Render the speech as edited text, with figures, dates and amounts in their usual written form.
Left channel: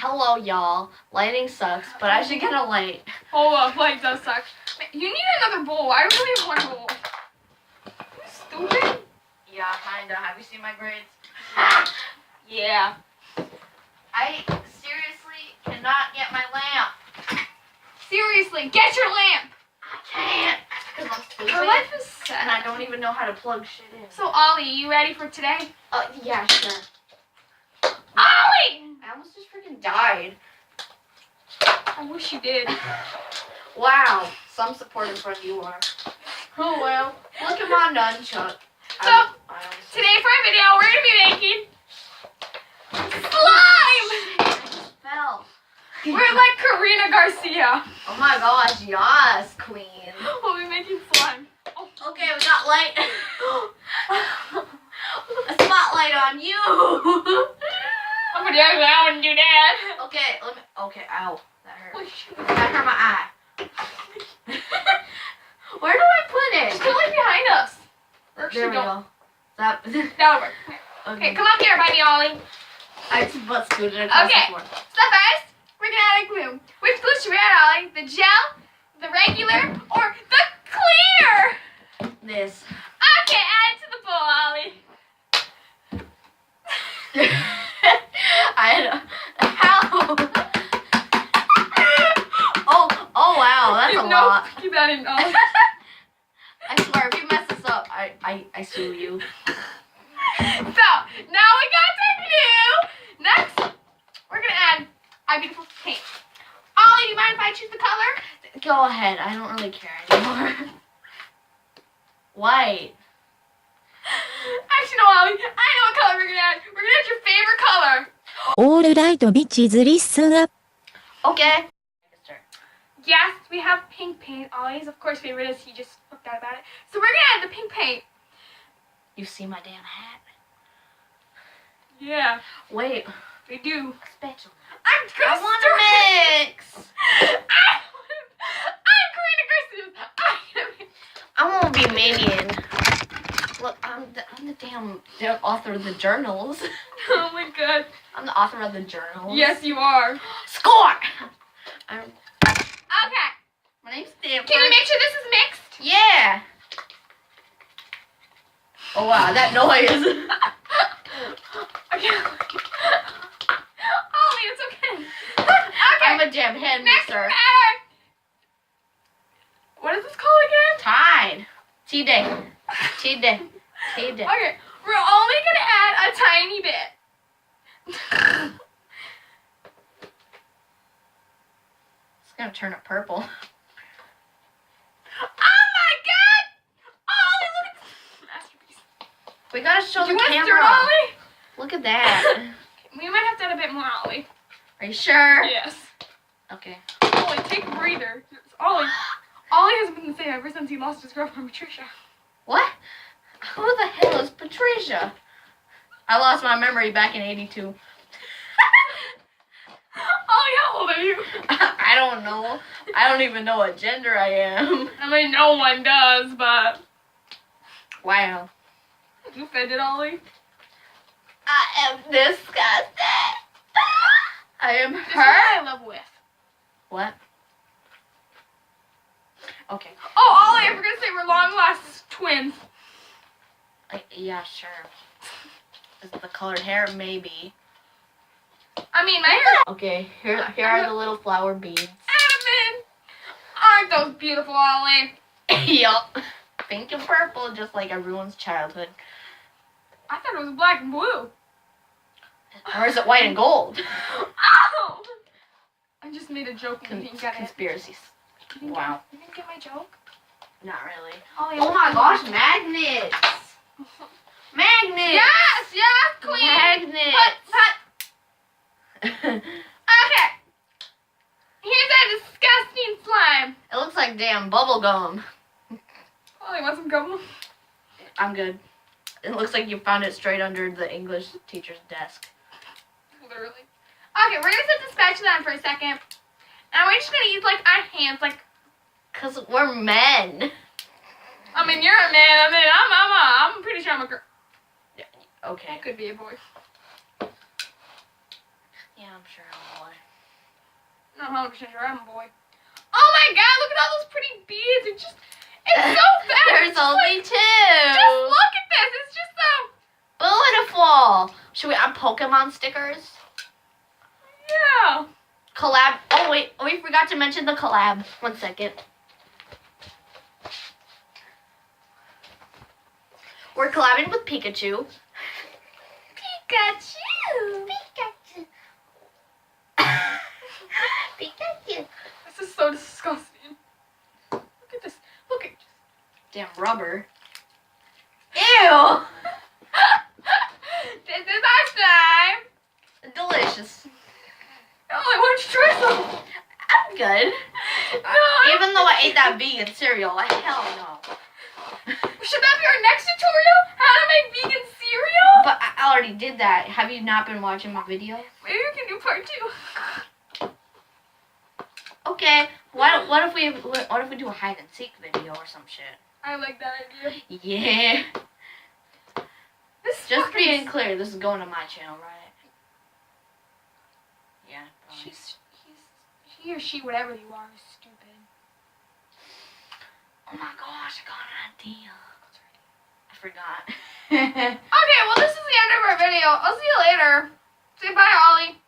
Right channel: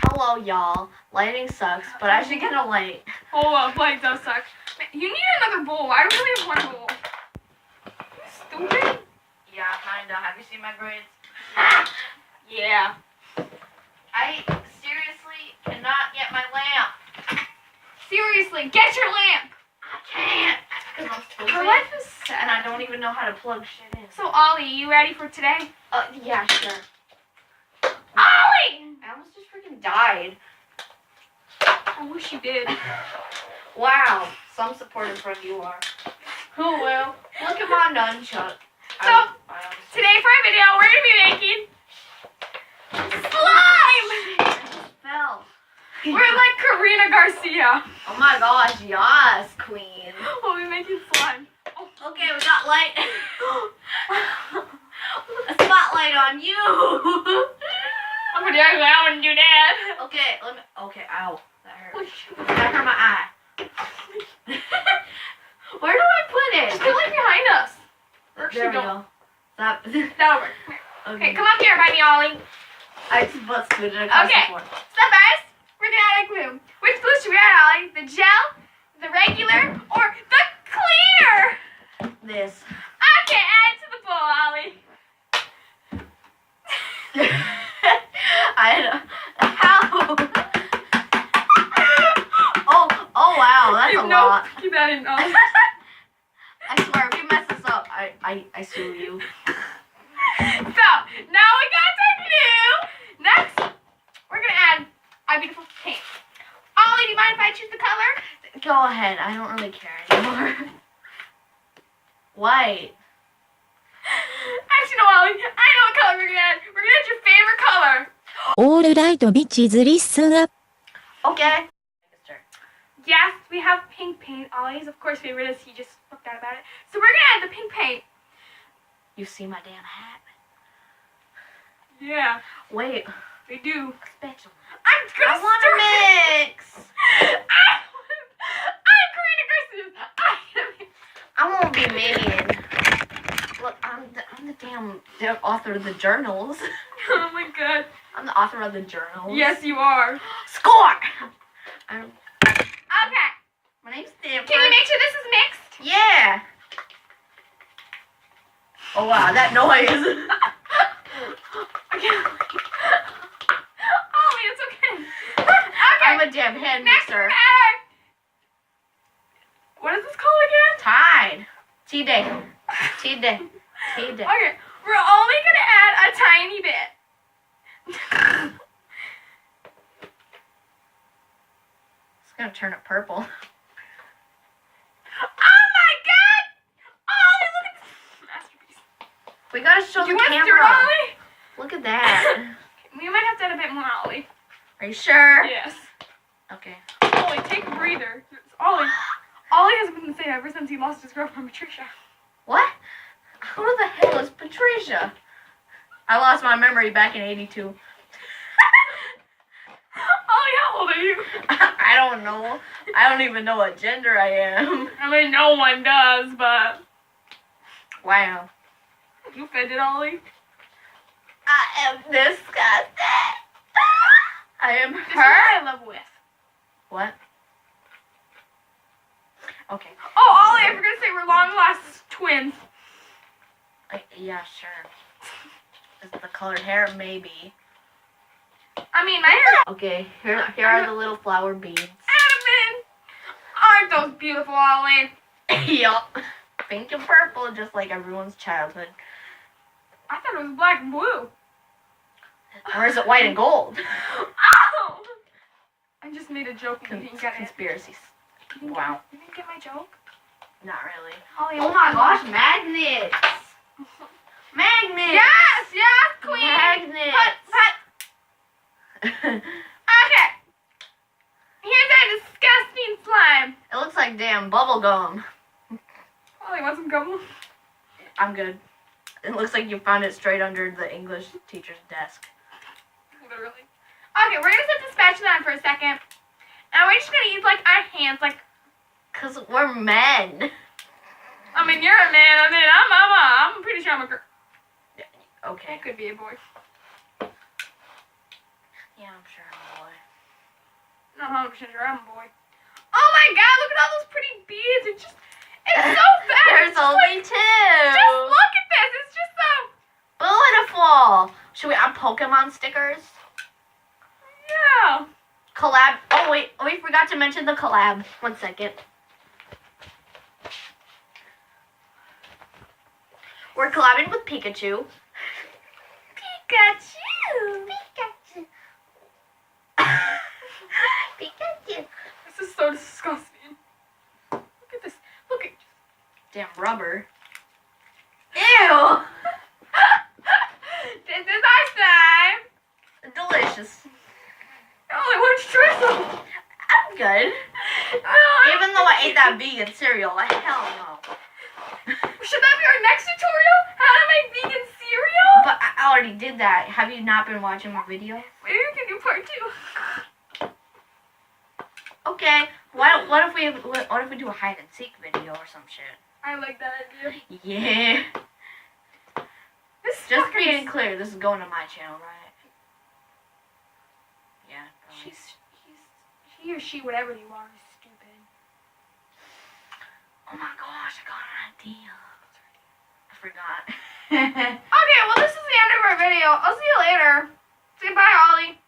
Hello, y'all. Lighting sucks, but I should get a light. Hold up, light does suck. You need another bowl. I don't really have one bowl. You stupid? Yeah, kinda. Have you seen my grades? Yeah. I seriously cannot get my lamp. Seriously, get your lamp. I can't. Because I'm stupid. Her life is And I sad. don't even know how to plug shit in. So, Ollie, you ready for today? Yeah, sure. Ollie! I almost just freaking died. I wish you did. Wow. Some supportive friend you are. Oh, well. Look at my nunchuck. So, today for our video, we're going to be making slime! Fell. We're like Karina Garcia. Oh my gosh, yes, queen. We'll be making slime. Okay, we got light. A spotlight on you. I'm going to I wouldn't do that. Okay, let me. Okay, ow. That hurt. Holy shit. That hurt my eye. Where do I put it? Just put like behind us. Or There we go. That. That'll work. Okay, come up here by me, Ollie. I just butt scooted across Okay. the floor. So first, we're gonna add a glue. Which glue should we add, Ollie? The gel, the regular, or the clear? This. Okay, add it to the bowl, Ollie. How? Oh wow, that's a lot. Keep that in, Ollie. I swear, if you mess this up, I sue you. So, now we got some glue. Next, we're gonna add our beautiful paint. Ollie, do you mind if I choose the color? Go ahead, I don't really care anymore. White. Actually, no, Ollie. I know what color we're gonna add. We're gonna add your favorite color. All right, bitches, listen up. Okay. Yes, we have pink paint. Ollie's, of course, favorite is he just flipped out about it. So we're gonna add the pink paint. You see my damn hat? Yeah, Wait. they do. Special. I'm gonna I want to mix. I'm Karina Garcia. I won't be minion. Look, I'm the damn author of the journals. Oh my god. I'm the author of the journals. Yes, you are. Score! Okay. My name's Stanford. Can you make sure this is mixed? Yeah. Oh wow, that noise. Okay. Ollie, it's okay. Okay. I'm a damn hand Next, mixer. what is this called again? Tide. T-Day. T-Day. T-Day. Okay, we're only gonna add a tiny bit. It's gonna turn it purple. Oh my god! Ollie, look at this masterpiece. We gotta show Do you the want to camera. stir it, Ollie? Look at that. We might have to add a bit more, Ollie. Are you sure? Yes. Okay. Ollie, take a breather. Ollie hasn't been the same ever since he lost his girlfriend, Patricia. What? Who the hell is Patricia? I lost my memory back in '82. Ollie, how old are you? I don't know. I don't even know what gender I am. I mean, no one does, but... Wow. You offended, Ollie? I am disgusted. I am This is her. what I love with. What? Okay. Oh, Ollie, I forgot to say we're long-lost twins. Yeah, sure. Is it the colored hair? Maybe. I mean, my hair... Okay, here are the little flower beads. Adamant! Aren't those beautiful, Ollie? Yup. Pink and purple, just like everyone's childhood. I thought it was black and blue. Or is it white and gold? Ow! I just made a joke and you didn't get it. Conspiracies. You didn't Wow. You didn't get my joke? Not really. Ollie, Oh my gosh, magnets! Magnets! Yes, yes, queen! Magnets! Put. Okay. Here's our disgusting slime. It looks like damn bubble gum. Ollie, want some gum? I'm good. It looks like you found it straight under the English teacher's desk. Literally. Okay, we're gonna set the spatula on for a second. And we're just gonna use like our hands, like... Cause we're men. I mean, you're a man. I mean, I'm pretty sure I'm a girl. Okay. I could be a boy. Yeah, I'm sure I'm a boy. Not 100% sure I'm a boy. Oh my god, look at all those pretty beads. It's so fast. There's only two. Just look at this. It's just so. Beautiful. Should we add Pokemon stickers? Yeah. Collab. Oh, wait. We forgot to mention the collab. 1 second. We're collabing with Pikachu. Pikachu. Pikachu. This is so disgusting. Look at this. Look at. Damn rubber. Ew. This is our slime. Delicious. Ollie, why don't you try some? I'm good. No. Even though I ate that vegan cereal, hell no. Should that be our next tutorial? How to make vegan cereal? But I already did that. Have you not been watching my videos? Maybe we can do part 2. Okay. What if we do a hide and seek video or some shit? I like that idea. Yeah. This Just fucking being clear, this is going to my channel, right? Yeah. He or she, whatever you are, is stupid. Oh my gosh, I got an idea. I forgot. Okay, well this is the end of our video. I'll see you later. Say bye, Ollie.